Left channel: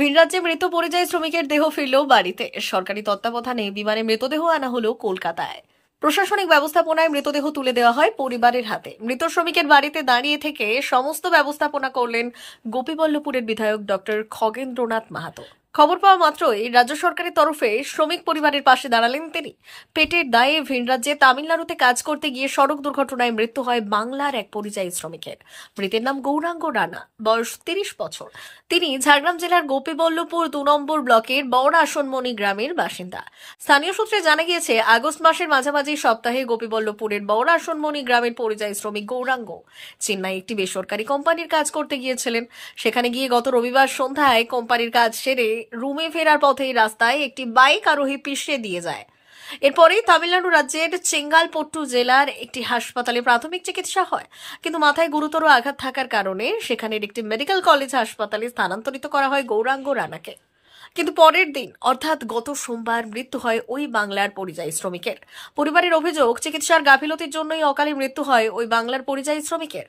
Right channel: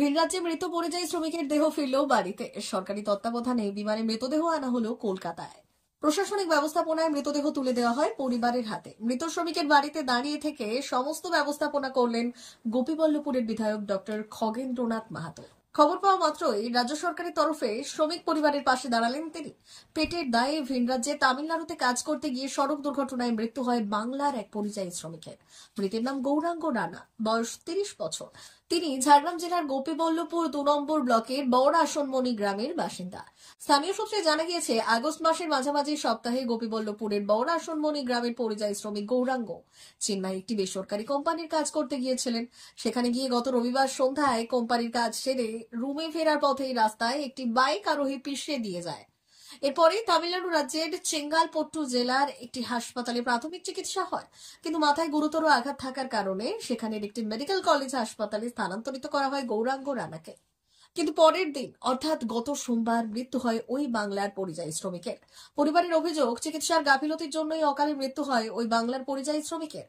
ভিন রাজ্যে মৃত পরিযায়ী শ্রমিকের দেহ ফিরল বাড়িতে। সরকারি তত্ত্বাবধানে বিমানে মৃতদেহ আনা হলো কলকাতায়। প্রশাসনিক ব্যবস্থাপনায় মৃতদেহ তুলে দেওয়া হয় পরিবারের হাতে। মৃত শ্রমিকের বাড়িতে দাঁড়িয়ে থেকে সমস্ত ব্যবস্থাপনা করলেন গোপীবল্লভপুরের বিধায়ক ডক্টর খগেন্দ্রনাথ মাহাতো। খবর পাওয়া মাত্রই রাজ্য সরকারের তরফে শ্রমিক পরিবারের পাশে দাঁড়ালেন তিনি। পেটের দায়ে ভিন রাজ্যে তামিলনাড়ুতে কাজ করতে গিয়ে সড়ক দুর্ঘটনায় মৃত্যু হয় বাংলার এক পরিযায়ী শ্রমিকের। মৃতের নাম গৌরাঙ্গ রানা, বয়স 30 বছর। তিনি ঝাড়গ্রাম জেলার গোপীবল্লভপুর 2 নম্বর ব্লকের বড় আসনমণি গ্রামের বাসিন্দা। স্থানীয় সূত্রে জানা গিয়েছে, আগস্ট মাসের মাঝামাঝি সপ্তাহে গোপীবল্লভপুরের বড় আসনমণি গ্রামের পরিযায়ী শ্রমিক গৌরাঙ্গ চেন্নাই একটি বেসরকারি কোম্পানির কাজ করতে গিয়েছিলেন। সেখানে গিয়ে গত রবিবার সন্ধ্যায় কোম্পানির কাজ সেরে রুমে ফেরার পথেই রাস্তায় একটি বাইক আরোহী পিষে দিয়ে যায়। এরপরেই তামিলনাড়ু রাজ্যের চেঙ্গালপট্টু জেলার একটি হাসপাতালে প্রাথমিক চিকিৎসা হয়, কিন্তু মাথায় গুরুতর আঘাত থাকার কারণে সেখানের একটি মেডিকেল কলেজ হাসপাতালে স্থানান্তরিত করা হয় গৌরাঙ্গ রানাকে। কিন্তু পরের দিন অর্থাৎ গত সোমবার মৃত্যু হয় ওই বাংলার পরিযায়ী শ্রমিকের। পরিবারের অভিযোগ, চিকিৎসার গাফিলতির জন্যই অকালে মৃত্যু হয় ওই বাংলার পরিযায়ী শ্রমিকের।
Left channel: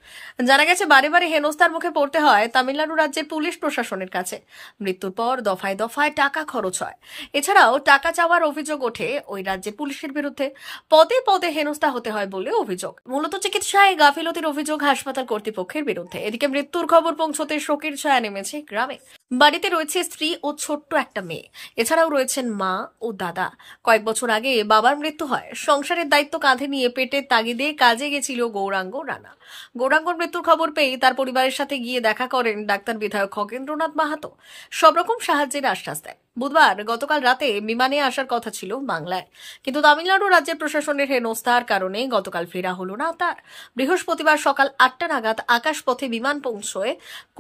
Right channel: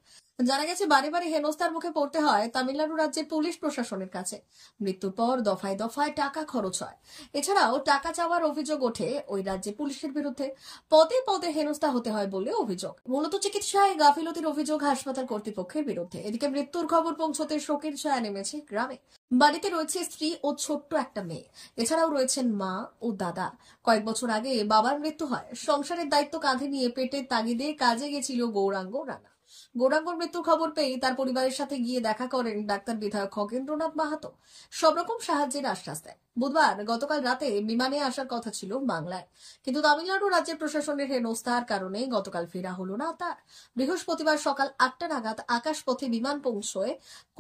জানা গেছে, বারে বারে হেনস্থার মুখে পড়তে হয় তামিলনাড়ু রাজ্যের পুলিশ প্রশাসনের কাছে। মৃত্যুর পর দফায় দফায় টাকা খরচ হয়। এছাড়াও টাকা চাওয়ার অভিযোগ ওঠে ওই রাজ্যে পুলিশের বিরুদ্ধে। পদে পদে হেনস্থা হতে হয় বলে অভিযোগ। মূলত চিকিৎসায় গাফিলতির অভিযোগ হাসপাতাল কর্তৃপক্ষের বিরুদ্ধে। এদিকে মৃত্যুর খবর পৌঁছতে শোকের ছায়া নেমেছে গ্রামে। বাড়িতে রয়েছে স্ত্রী ও ছোট্ট একটা মেয়ে। এছাড়াও রয়েছেন মা ও দাদা। কয়েক বছর আগে বাবার মৃত্যু হয়। সংসারের দায়িত্ব কাঁধে নিয়ে পেটের তাগিদে কাজে গেছিল গৌরাঙ্গ রানা। গৌরাঙ্গর মৃত্যুর খবর পেয়ে তার পরিবারের সাথে গিয়ে দেখা করেন ডাক্তার বিধায়ক খগেন্দ্রনাথ মাহাতো। সব রকম সাহায্যের আশ্বাস দেয়। বুধবার গতকাল রাতে বিমানে আসার কথা ছিল বাংলায়, কিন্তু তামিলনাড়ু রাজ্যের প্রশাসনের হেনস্থার কারণে গতকাল ফেরা হলো না তার। বৃহস্পতিবার সকাল 8টা নাগাদ আকাশপথে বিমান পৌঁছয়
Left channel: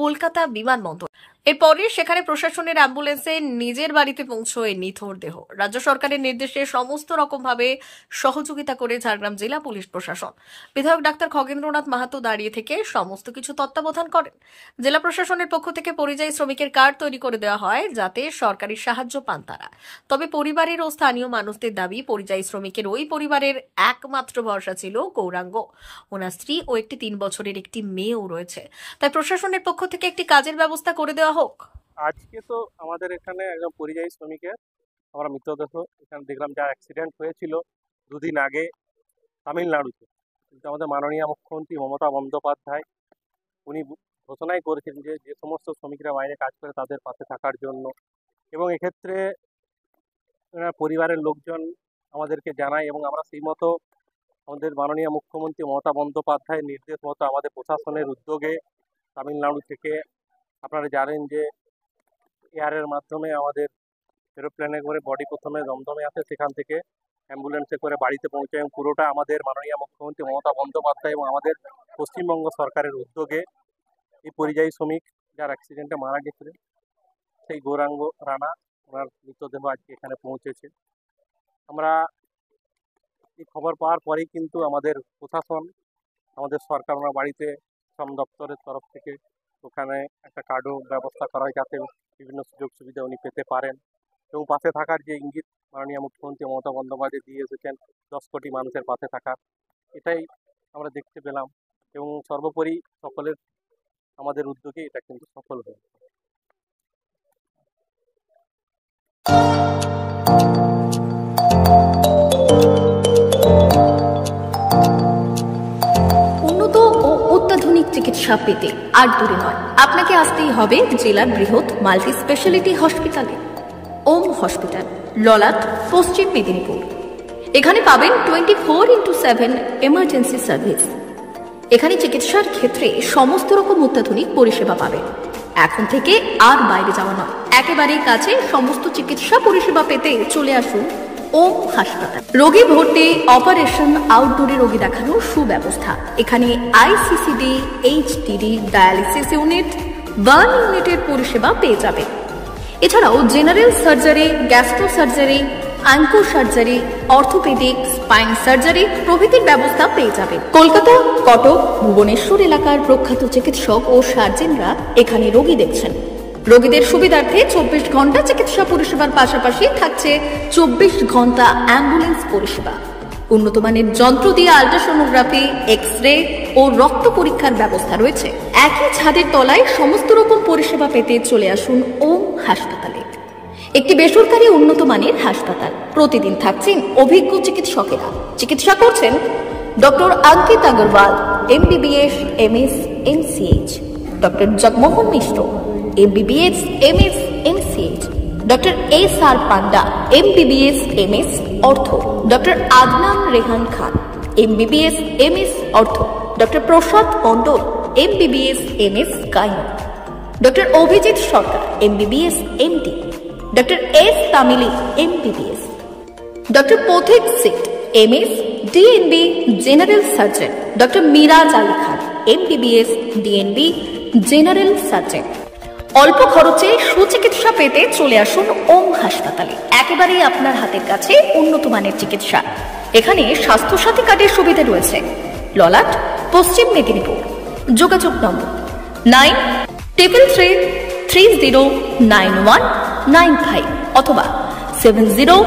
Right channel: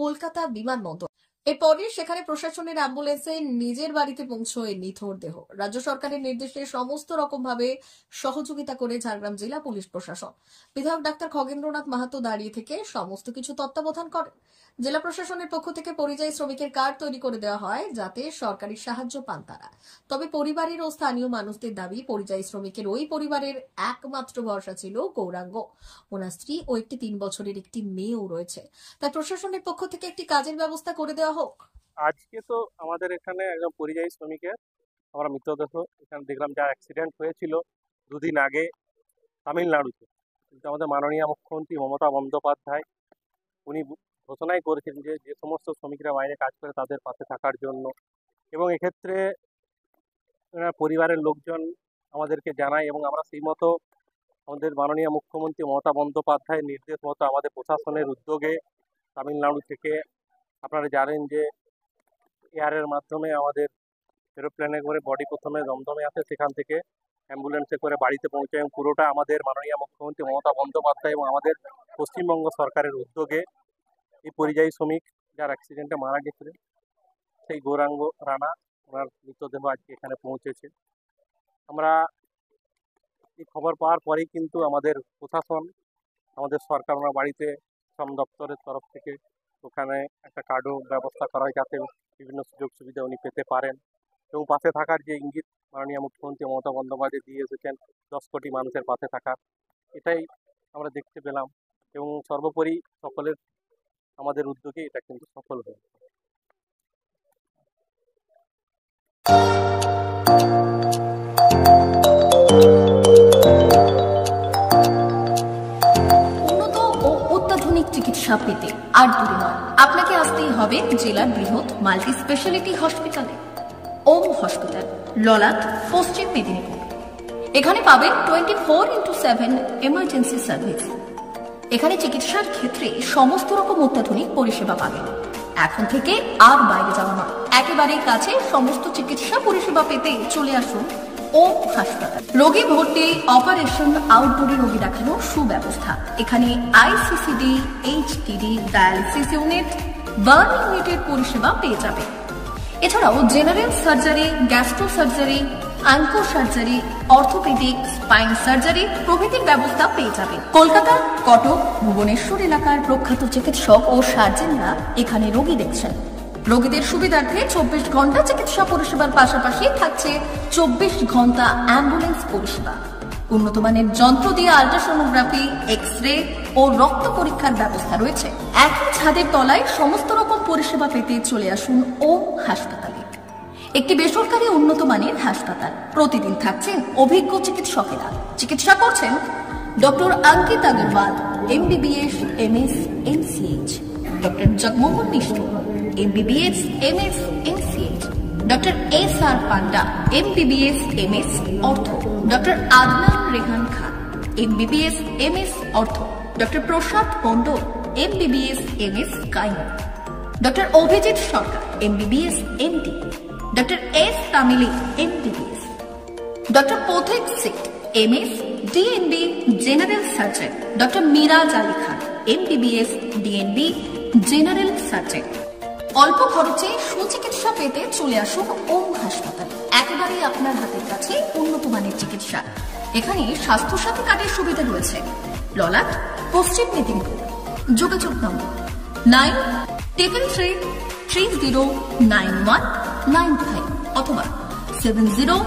কলকাতা বিমানবন্দর। এরপরে সেখানে প্রশাসনের অ্যাম্বুলেন্সে নিজের বাড়িতে পৌঁছয় নিথর দেহ। রাজ্য সরকারের নির্দেশে সমস্ত রকম ভাবে সহযোগিতা করে ঝাড়গ্রাম জেলা পুলিশ প্রশাসন। বিধায়ক ডাক্তার খগেন্দ্রনাথ মাহাতো দাঁড়িয়ে থেকে সমস্ত কিছু তত্ত্বাবধান করেন। জেলা প্রশাসনের পক্ষ থেকে পরিযায়ী শ্রমিকের কার্ড তৈরি করে দেওয়া হয়, যাতে সরকারি সাহায্য পান তারা। তবে পরিবারের ও স্থানীয় মানুষদের দাবি, পরিযায়ী শ্রমিকের ওই পরিবারের একমাত্র ভরসা ছিল গৌরাঙ্গ। ওনার স্ত্রী ও একটি 3 বছরের একটি মেয়েও রয়েছে। তাই প্রশাসনের পক্ষ থেকে একটি কাজের ব্যবস্থা করে দেওয়া হোক। আজকে তো আমাদের এখানে একজন পরিযায়ী শ্রমিকের আমরা মৃতদেহ এখানে দেখলাম, যার অ্যাক্সিডেন্ট হয়েছিল 2 দিন আগে তামিলনাড়ুতে। কিন্তু আমাদের মাননীয় মুখ্যমন্ত্রী মমতা বন্দ্যোপাধ্যায় উনি ঘোষণাই করেছেন যে যে সমস্ত শ্রমিকরা বাইরে কাজ করে তাদের পাশে থাকার জন্য। এবং এক্ষেত্রে পরিবারের লোকজন আমাদেরকে জানায় এবং আমরা সেই মতো আমাদের মাননীয় মুখ্যমন্ত্রী মমতা বন্দ্যোপাধ্যায়ের নির্দেশ মতো আমাদের প্রশাসনের উদ্যোগে তামিলনাড়ু থেকে, আপনারা জানেন যে এয়ারের মাধ্যমে আমাদের এরোপ্লেনে করে বডি প্রথমে দমদমে আসে, সেখান থেকে অ্যাম্বুলেন্সে করে বাড়িতে পৌঁছায়। এবং পুরোটা আমাদের মাননীয় মুখ্যমন্ত্রী মমতা বন্দ্যোপাধ্যায় এবং আমাদের পশ্চিমবঙ্গ সরকারের উদ্যোগে। এই পরিযায়ী শ্রমিক যার অ্যাক্সিডেন্টে মারা গেছিলেন, সেই গৌরাঙ্গ রানা, ওনার মৃতদেহ আজকে এখানে পৌঁছেছে। আমরা এই খবর পাওয়ার পরেই কিন্তু আমাদের প্রশাসন, আমাদের সরকার, ওনার বাড়িতে শ্রম দপ্তরের তরফ থেকে ওখানে একটা কার্ডও ব্যবস্থা করা হয়, যাতে বিভিন্ন সুযোগ সুবিধা উনি পেতে পারেন। এবং পাশে থাকার যে ইঙ্গিত মাননীয় মুখ্যমন্ত্রী মমতা বন্দ্যোপাধ্যায় দিয়ে এসেছেন 10 কোটি মানুষের পাশে থাকার, এটাই আমরা দেখতে পেলাম। এবং সর্বোপরি সকলের আমাদের উদ্যোগে এটা কিন্তু সফল হয়েছে। অত্যাধুনিক চিকিৎসা পেতে আর দূরে নয়, আপনাকে আসতেই হবে জেলার বৃহৎ মাল্টি স্পেশালিটি হসপিটালে। ওম হসপিটাল, ললাট, পশ্চিম মেদিনীপুর। এখানে পাবেন 24x7 এমার্জেন্সি সার্ভিস। এখানে চিকিৎসার ক্ষেত্রে সমস্ত রকম অত্যাধুনিক পরিষেবা পাবেন। এখন থেকে আর বাইরে যাওয়া নয়, একেবারেই কাছে সমস্ত চিকিৎসা পরিষেবা পেতে চলে আসুন ওম হাসপাতাল। রোগী ভর্তি, অপারেশন, আউটডোরে রোগী দেখানোর সুব্যবস্থা। এখানে ICCD, HDD, dialysis unit, burn ইউনিটের পরিষেবা পেয়ে যাবে। এছাড়াও general surgery, gastro surgery, onco surgery, orthopaedic, spine surgery প্রভৃতির ব্যবস্থা পেয়ে যাবে। কলকাতা, কটক, ভুবনেশ্বর এলাকার প্রখ্যাত চিকিৎসক ও সার্জেনরা এখানে রোগী দেখছেন। রোগীদের সুবিধার্থে 24 ঘন্টা চিকিৎসা পরিষেবার পাশাপাশি থাকছে 24 ঘন্টা অ্যাম্বুলেন্স পরিষেবা। উন্নত মানের যন্ত্র দিয়ে আল্ট্রাসোনোগ্রাফি, এক্স রে ও রক্ত পরীক্ষার ব্যবস্থা রয়েছে। একই ছাদের তলায় সমস্ত রকম পরিষেবা পেতে চলে আসুন ওম হাসপাতালে। একটি বেসরকারি উন্নত মানের হাসপাতাল। প্রতিদিন থাকছেন অভিজ্ঞ চিকিৎসকেরা। চিকিৎসা করছেন doctor Ankit Agarwal, MBBS, MS, MCH, doctor Jagmohan Mishra, MBBS, MS, MCH, doctor SR Panda, MBBS, MS, ortho, doctor Adnan Rehan Khan, MBBS, MS, ortho, doctor Prasad Mondal, MBBS, MS, gynae, doctor Abhijit Sarkar, MBBS, MD, doctor S Tamili, MBBS, doctor Pathik Sit, MS, DNB, general surgeon, doctor Miraj Ali Khan, MBBS, DNB, general surgeon. অল্প খরচে সুচিকিৎসা পেতে চলে আসুন ওম হাসপাতালে। একেবারেই আপনার হাতের কাছে উন্নত মানের চিকিৎসা। এখানে স্বাস্থ্যসাথী কার্ডের সুবিধা রয়েছে। ললাট, পশ্চিম মেদিনীপুর। যোগাযোগ নম্বর 9333309195 অথবা 70